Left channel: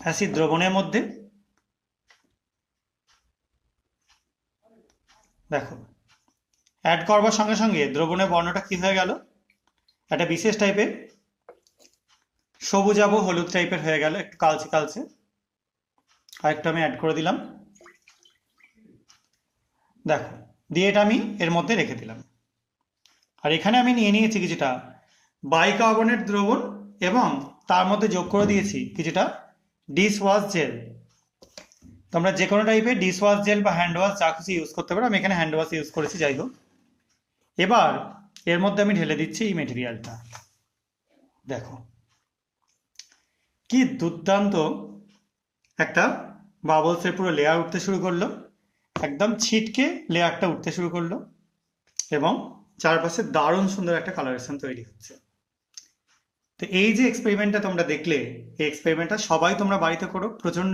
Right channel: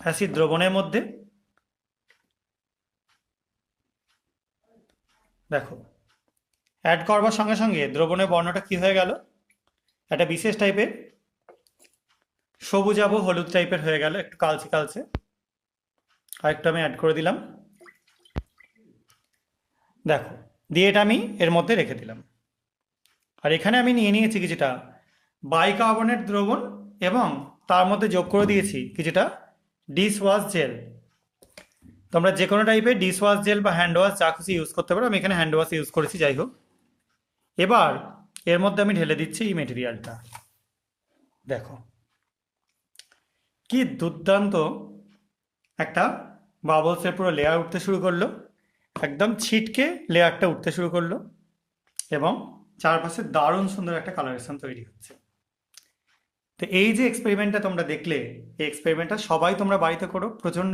Acid দ্রবণের মধ্যে। দেখো, অ্যাড করবার সঙ্গে সঙ্গে দ্রবণের বর্ণটা কি হয়ে গেল, একটা বিশেষ টাইপের সবুজাভ হলুদ টাইপের হয়ে গেল, একটু কালচে কালচে। আরেকটু আমি অ্যাড করে দিলাম। দেখো, দিয়ে এটা আমি এর মধ্যে রেখে দিলাম। আর এখানে আমি নিয়ে নিয়েছি কিছুটা বাইকার্বনেট দ্রবণ এবং তার মধ্যে যোগ করে দিয়েছি কিছুটা ডিশ ওয়াশ জেল। তোমরা যে কোনো টাইপের ডিশ ওয়াশ জেল বা হ্যান্ড ওয়াশ যা কিছু ইউজ করতে পারো, আমি এখানে হ্যান্ড ওয়াশ ইউজ করেছি, যাই হোক। এবার এর মধ্যে আমি ঢেলে দিচ্ছি এই মেটেরিয়ালটা। দেখো কি দুর্দান্ত একটা বাবলসের পুরো লেয়ার উঠতে শুরু করলো, একদম ছিটকে লেয়ারটা উঠতে শুরু করলো এবং চারপাশে দারুণ সুন্দর একটা কালারেশন তৈরি হচ্ছে। তো এই যে এক্সপেরিমেন্টটা তোমরা দেখলে, এই এক্সপেরিমেন্টটা সবাই তোমরা বাড়িতে করো, প্রচণ্ড